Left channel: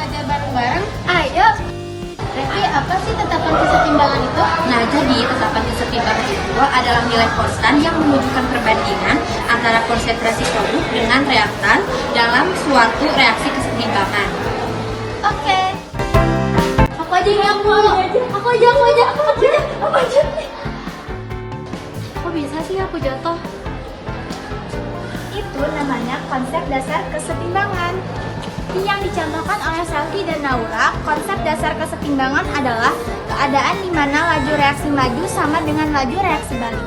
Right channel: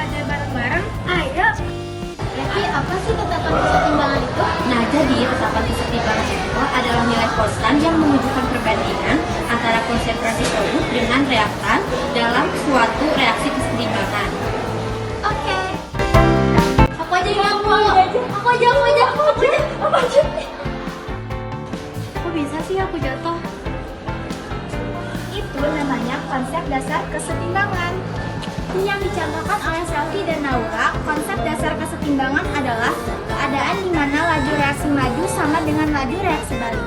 belajar bareng-bareng? Ayo. Revie, apa sih tetapan kesetimbangan itu? Nah, jadi tetapan kesetimbangan itu adalah nilai konstan yang menunjukkan perbandingan antara konsentrasi solid dengan reaktan dalam suatu reaksi kesetimbangan. Oke. Aku aja dong, aku aja. Kok bisa sih aku jatuh? Itu namanya konsep dasar kesetimbangan. Yang dicontohkan oleh Selvi dan Naura, konsep dasar kesetimbangan adalah keadaan di mana laju reaksi maju sama dengan laju reaksi balik.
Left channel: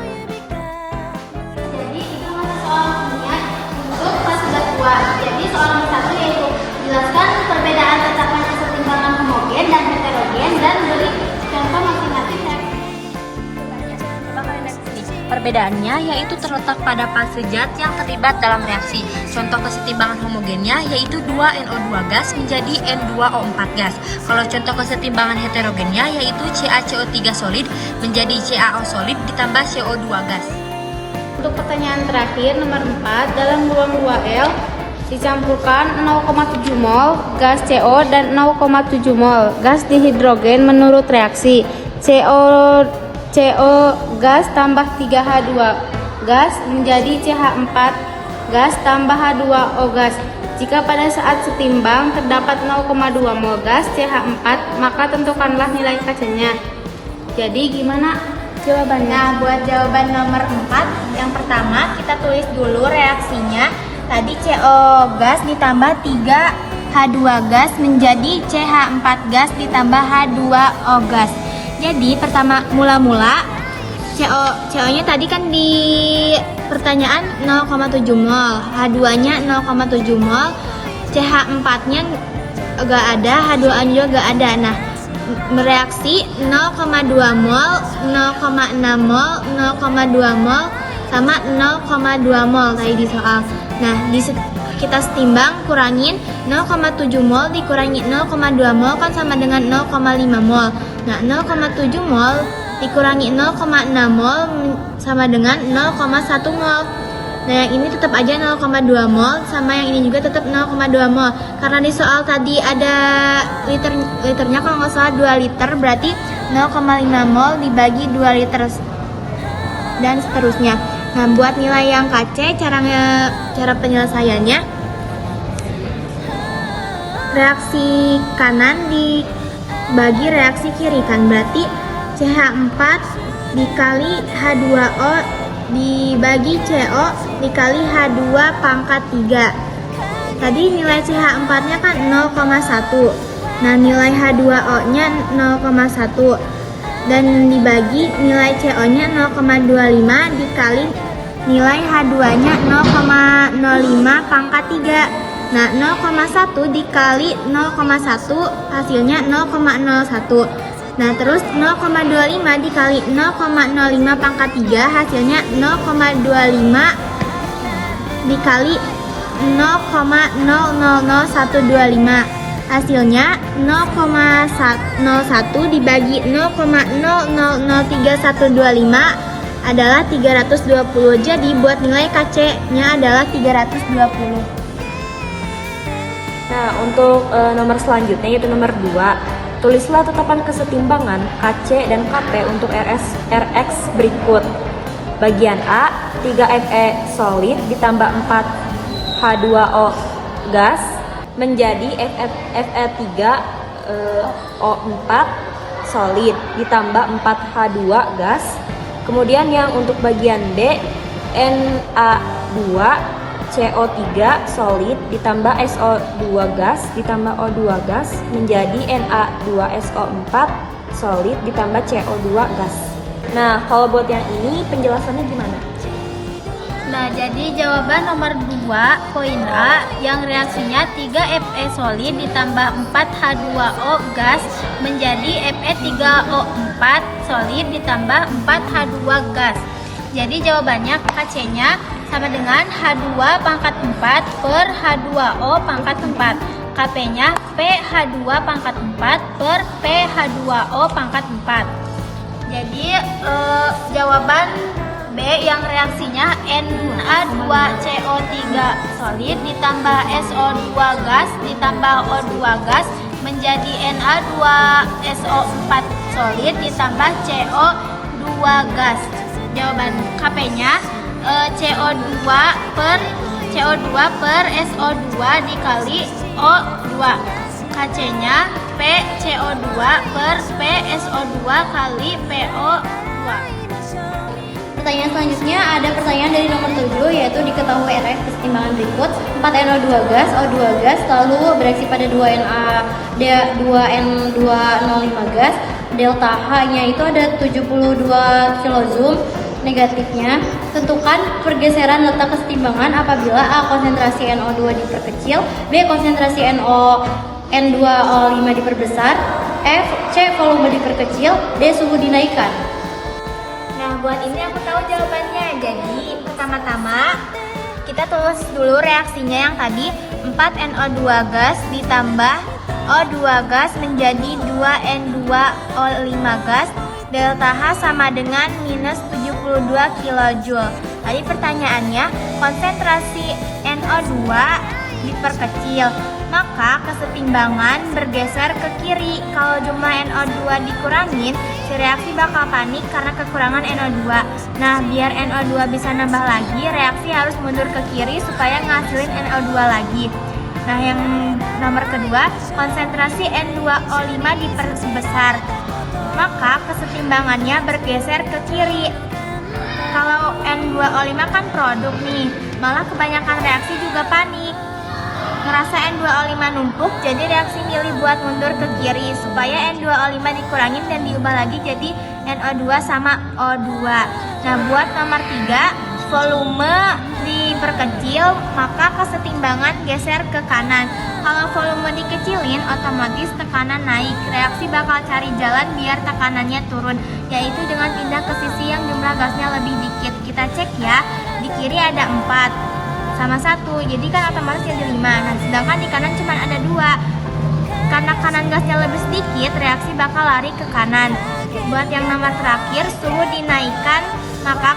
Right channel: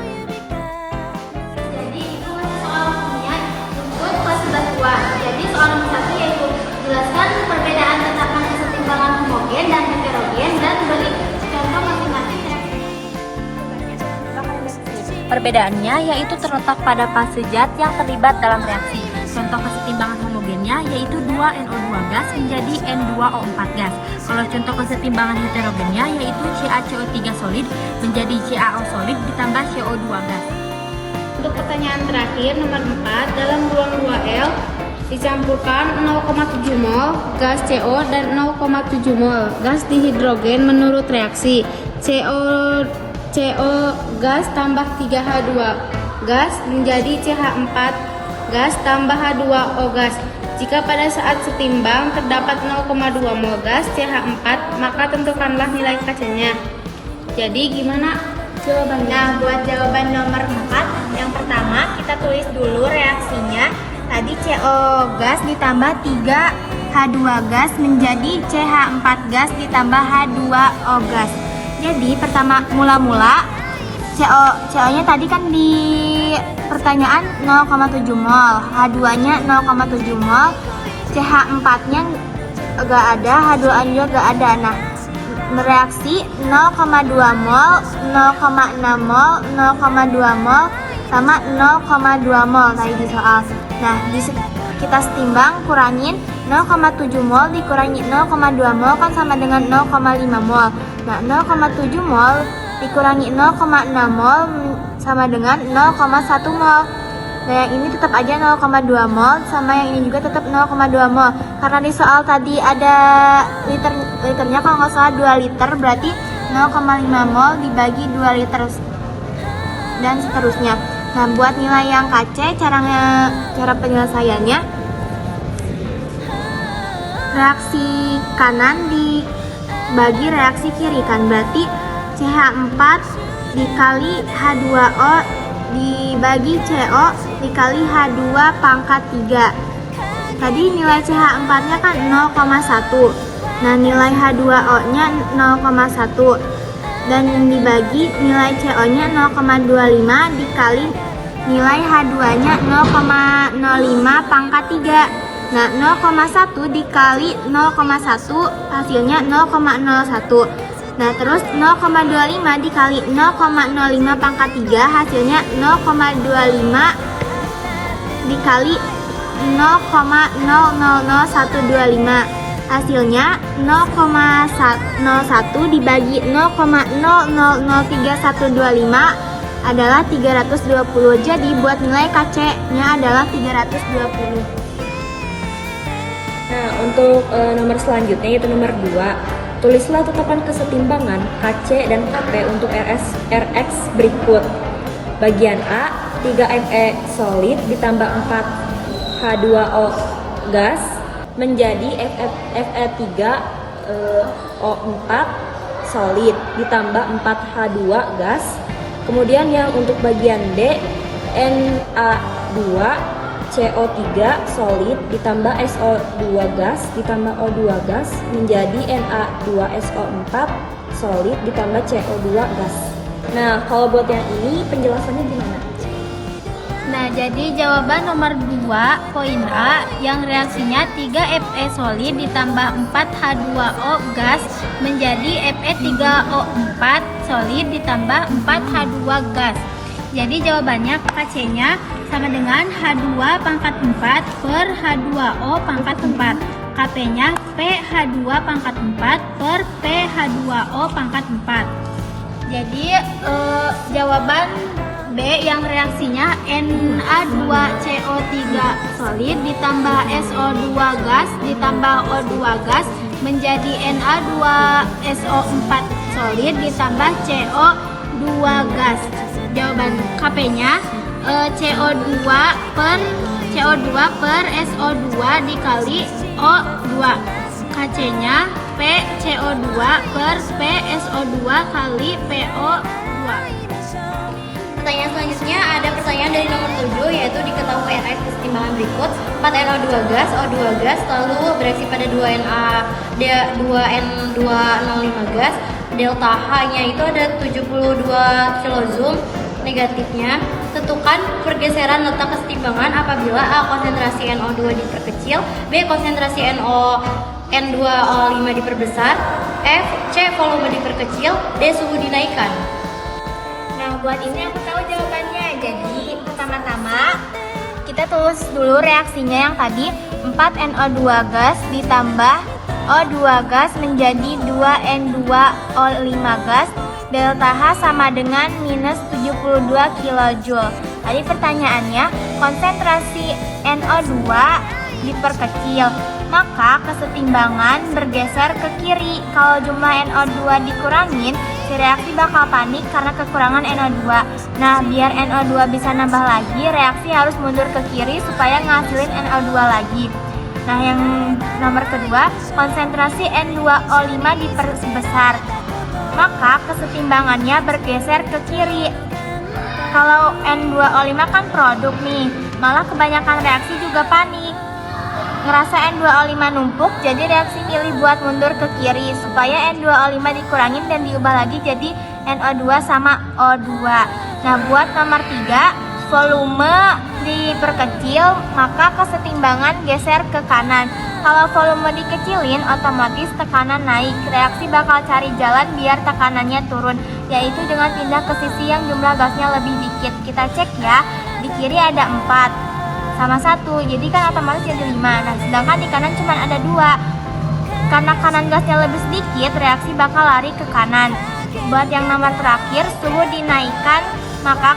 Jadi itu soalnya untuk kelas 2. Jadi soal nomor 1 yaitu jelaskan perbedaan tetapan kesetimbangan homogen dan heterogen dan beri contoh masing-masing. Perbedaannya yaitu terletak pada fase zat yang terlibat dalam reaksi. Contoh kesetimbangan homogennya yaitu 2NO2 gas menjadi N2O4 gas. Kalau contoh kesetimbangan heterogennya yaitu CaCO3 solid menjadi CaO solid ditambah CO2 gas. Untuk pertanyaan terakhir, nomor 4, dalam ruang 2L dicampurkan 0,7 mol gas CO dan 0,7 mol gas dihidrogen menurut reaksi CO gas tambah 3H2 gas menjadi CH4 gas tambah H2O gas. Jika pada saat setimbang terdapat 0,2 mol gas CH4, maka tentukanlah nilai Kc-nya. Jadi gimana jawabannya? Nah, buat jawaban nomor 4, yang pertama kita tulis dulu reaksinya. Tadi CO gas ditambah 3H2 gas menjadi CH4 gas ditambah H2O gas. Jadi pertama mula-mula CO-nya tadi kan di pertanyaan 0,7 mol, H2-nya 0,7 mol, CH4-nya gak ada, H2O-nya juga gak ada. Nah, bereaksi 0,2 mol, 0,6 mol, 0,2 mol, sama 0,2 mol tadi di soal. Nah, kita setimbang, kurangin 0,7 mol dikurangi 0,2 mol kan sama dengan 0,5 mol. Nah, 0,7 mol dikurangi 0,6 mol sama dengan 0,1 mol. Nah, yang ini tetap aja 0,2 mol, sama yang ini juga tetap 0,2 mol. Karena di soal tadi ada liternya kalau nggak salah 2 liter, berarti 0,5 mol dibagi 2 liter dan seterusnya. Nah, buat nilai yang Kc, cara penyelesaiannya, reaksi kanan dibagi reaksi kiri kan, berarti CH4 dikali H2O dibagi CO dikali H2 pangkat 3. Tadi nilai CH4 nya kan 0,1. Nah, nilai H2O nya 0,1 dan dibagi nilai CO nya 0,25 dikali nilai H2 nya 0,05 pangkat 3. Nah, 0,1 dikali 0,1 hasilnya 0,01. Nah, terus 0,25 dikali 0,05 pangkat 3 hasilnya 0,25 dikali 0,000125. Hasilnya 0,01 dibagi 0,003125 adalah 320. Jadi buat nilai Kc-nya adalah 320. Nah, untuk nomor selanjutnya yaitu nomor 2. Tulislah tetapan kesetimbangan Kc dan Kp untuk Rx berikut. Bagian A, 3Fe solid ditambah 4H2O gas menjadi Fe3O4 solid ditambah 4H2 gas. Kemudian yang untuk bagian D, Na2 CO3 solid ditambah SO2 gas ditambah O2 gas menjadi Na2SO4 solid ditambah CO2 gas. Nah, kalau buat yang ini penjelasannya gimana? Nah, jadi jawaban nomor 2 poin A yang reaksinya 3Fe solid ditambah 4H2O gas menjadi Fe3O4 solid ditambah 4H2 gas. Jadi jawabannya Kc-nya sama dengan H2 pangkat 4 per H2O pangkat 4. Kp-nya PH2 pangkat 4 per PH2O pangkat 4. Jadi jawaban B yang reaksinya Na2CO3 solid ditambah SO2 gas ditambah O2 gas menjadi Na2SO4 solid ditambah CO2 gas. Jawaban KP-nya CO2 per SO2 dikali O2. KC-nya P CO2 per P SO2 kali PO2. Pertanyaan selanjutnya ada pertanyaan dari nomor 7, yaitu diketahui RX kesetimbangan berikut. 4NO2 gas, O2 gas lalu bereaksi pada 2N205 gas. Delta H-nya itu ada 72 kilojoule. Negatifnya, tentukan pergeseran letak kesetimbangan apabila A. konsentrasi NO2 diperkecil, B. konsentrasi N2O5 diperbesar, C. volume diperkecil, D. suhu dinaikkan. Nah, buat ini aku tahu jawabannya. Jadi, pertama-tama kita tulis dulu reaksinya yang tadi 4NO2 gas ditambah O2 gas menjadi 2N2O5 gas. Delta H sama dengan minus 72 kJ. Tadi pertanyaannya, konsentrasi NO2 diperkecil, maka kesetimbangan bergeser ke kiri. Kalau jumlah NO2 dikurangin, si reaksi bakal panik karena kekurangan NO2. Nah, biar NO2 bisa nambah lagi, reaksi harus mundur ke kiri supaya ngasilin NO2 lagi. Nah, yang nomor kedua, konsentrasi N2O5 diperbesar, maka kesetimbangannya bergeser ke kiri. Kalau N2O5 kan produk nih, malah kebanyakan reaksi juga panik. Ngerasa N2O5 numpuk, jadi reaksi milih buat mundur ke kiri supaya N2O5 dikurangin dan diubah lagi jadi NO2 sama O2. Nah, buat nomor 3, volume diperkecil, maka kesetimbangan geser ke kanan. Kalau volume dikecilin, otomatis tekanan naik. Reaksi bakal cari jalan biar tekanannya turun, yaitu dengan pindah ke sisi yang jumlah gasnya lebih dikit. Kita cek ya, di kiri ada 4 sama 1, jadi kan otomatis jadi 5. Nah, sedangkan di kanan cuma ada 2. Karena kanan gasnya lebih sedikit, reaksi bakal lari ke kanan. Buat yang nomor terakhir, suhu dinaikkan, maka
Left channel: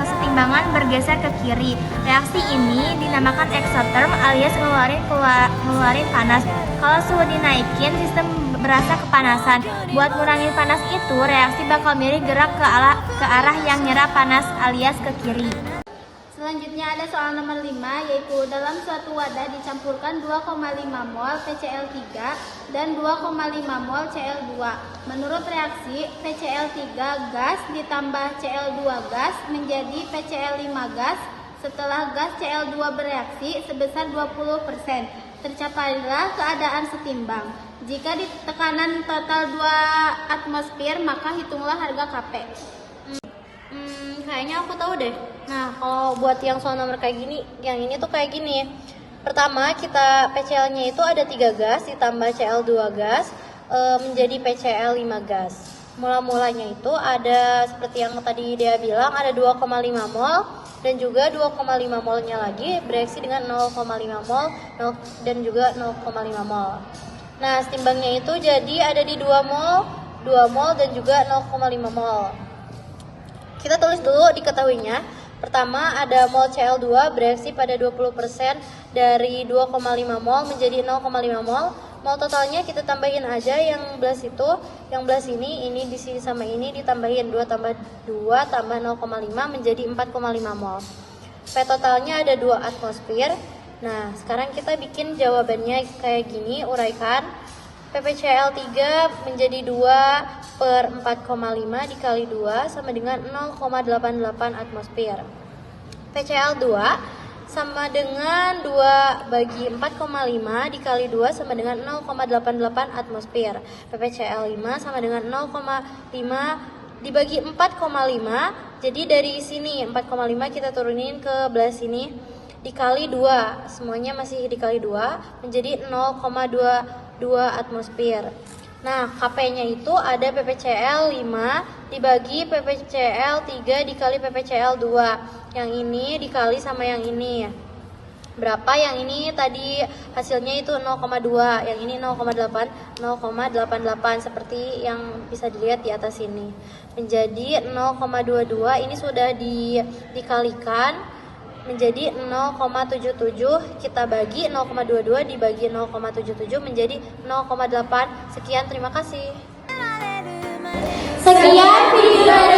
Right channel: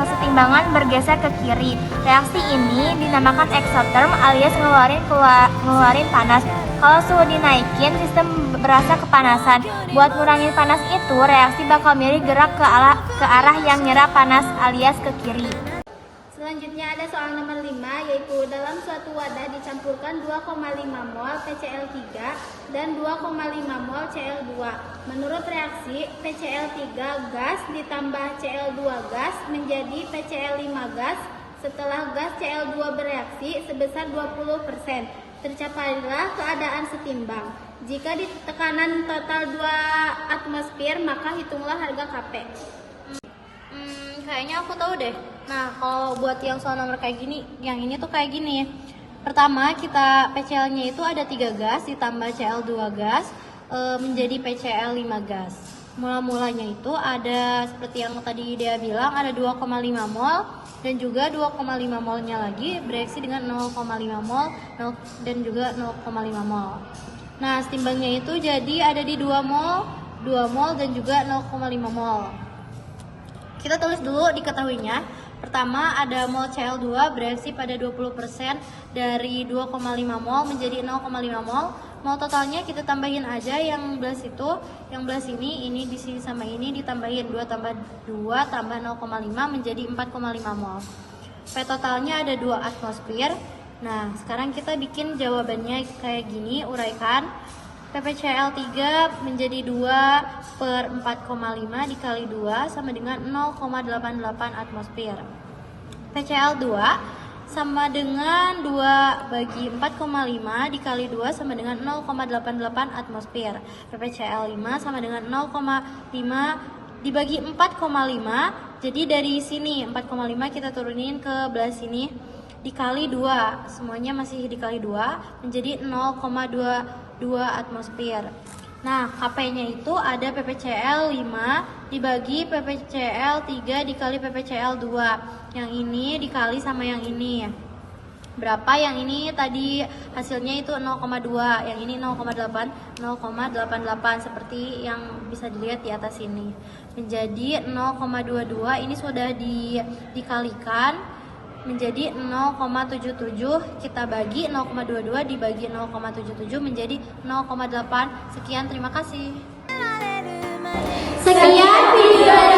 kesetimbangan bergeser ke kiri. Reaksi ini dinamakan exotherm alias ngeluarin panas. Kalau suhu dinaikin, sistem berasa kepanasan. Buat ngurangin panas itu, reaksi bakal milih gerak ke arah yang nyerap panas alias ke kiri. Selanjutnya ada soal nomor 5, yaitu dalam suatu wadah dicampurkan 2,5 mol PCl3 dan 2,5 mol Cl2. Menurut reaksi, PCl3 gas ditambah Cl2 gas menjadi PCl5 gas setelah gas Cl2 bereaksi sebesar 20%. Tercapailah keadaan setimbang. Jika di tekanan total 2 atmosfer, maka hitunglah harga Kp. Kayaknya aku tahu deh. Nah, kalau buat yang soal nomor kayak gini, yang ini tuh kayak gini. Pertama, kita PCl-nya itu ada 3 gas ditambah Cl2 gas menjadi PCl5 gas. Mula-mulanya itu ada seperti yang tadi dia bilang, ada 2,5 mol dan juga 2,5 molnya lagi bereaksi dengan 0,5 mol dan juga 0,5 mol. Nah, setimbangnya itu jadi ada di 2 mol dan juga 0,5 mol. Kita tulis dulu diketahuinya. Pertama, ada mol Cl2 bereaksi pada 20% dari 2,5 mol menjadi 0,5 mol. Mol totalnya kita tambahin aja yang belah situ, yang belah sini, ini di sini sama ini ditambahin 2 tambah 2 tambah 0,5 menjadi 4,5 mol. P totalnya ada 2 atmosfer. Nah, sekarang kita bikin jawabannya kayak gini, uraikan. PPCl3 menjadi 2 per 4,5 dikali 2 sama dengan 0,88 atmosfer. PCl2 sama dengan 2 bagi 4,5 dikali 2 sama dengan 0,88 atmosfer. PPCl5 sama dengan 0,5 dibagi 4,5. Jadi dari sini 4,5 kita turunin ke belah sini dikali 2, semuanya masih dikali 2 menjadi 0,22 atmosfer. Nah, Kp-nya itu ada PPCl5 dibagi PPCl3 dikali PPCl2. Yang ini dikali sama yang ini. berapa. Yang ini tadi hasilnya itu 0,2, yang ini 0,88 seperti yang bisa dilihat di atas ini. Menjadi 0,22 ini sudah dikalikan menjadi 0,77, kita bagi 0,22 dibagi 0,77 menjadi 0,8. Sekian, terima kasih. Sekian video